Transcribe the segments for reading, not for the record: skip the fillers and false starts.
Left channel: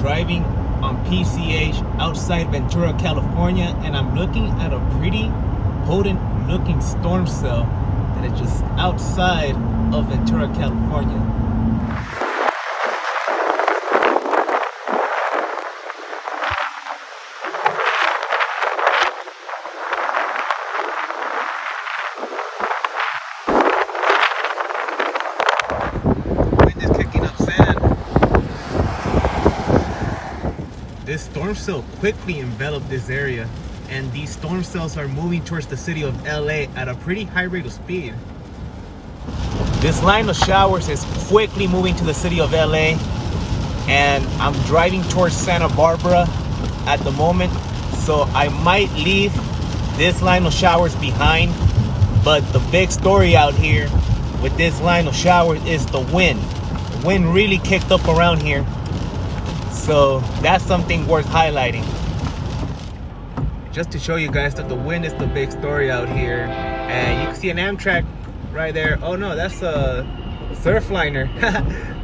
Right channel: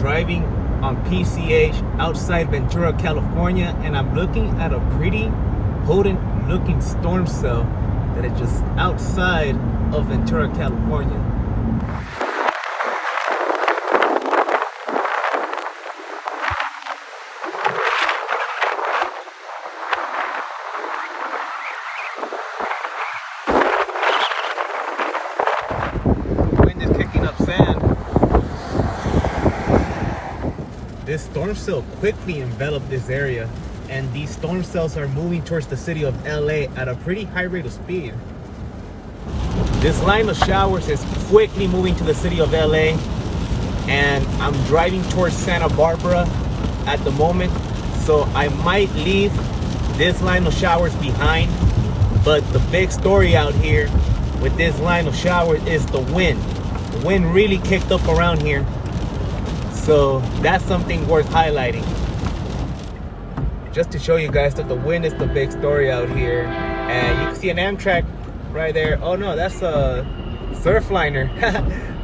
driving on PCH outside Ventura, California, and I'm looking at a pretty potent looking storm cell that is just outside of Ventura, California. This storm cell quickly enveloped this area, and these storm cells are moving towards the city of LA at a pretty high rate of speed. This line of showers is quickly moving to the city of LA, and I'm driving towards Santa Barbara at the moment, so I might leave this line of showers behind. But the big story out here with this line of showers is the wind. The wind really kicked up around here. So that's something worth highlighting. Just to show you guys that the wind is the big story out here. And you can see an Amtrak right there. Oh no, that's a surfliner.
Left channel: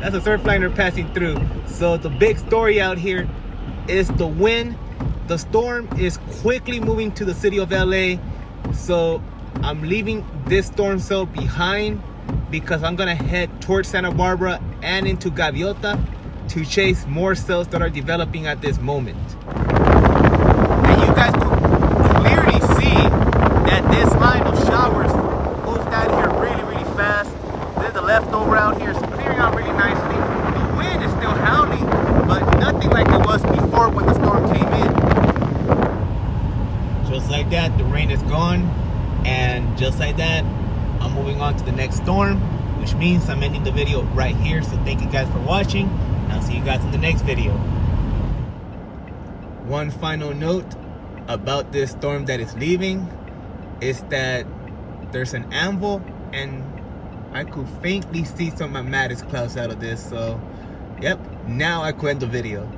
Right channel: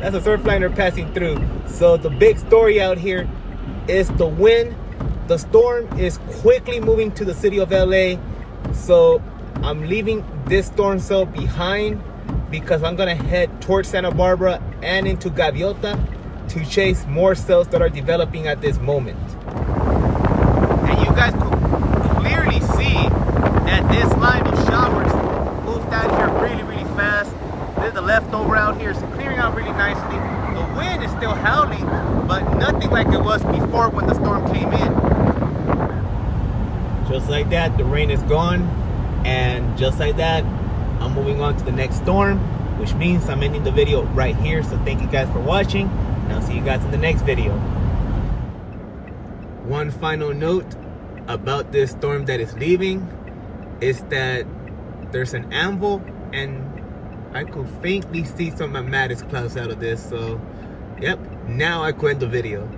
That's a surfliner passing through. So the big story out here is the wind. The storm is quickly moving to the city of LA. So I'm leaving this storm cell behind because I'm gonna head towards Santa Barbara and into Gaviota to chase more cells that are developing at this moment. And you guys could clearly see that this line of showers moved out here really, really fast. There's the leftover out here. It's clearing out really nicely. The wind is still howling, but nothing like it was before when the storm came in. Just like that, the rain is gone. And just like that, I'm moving on to the next storm, which means I'm ending the video right here. So thank you guys for watching. And I'll see you guys in the next video. One final note about this storm that is leaving is that there's an anvil, and I could faintly see some mattis clouds out of this. So, yep, now I could end the video.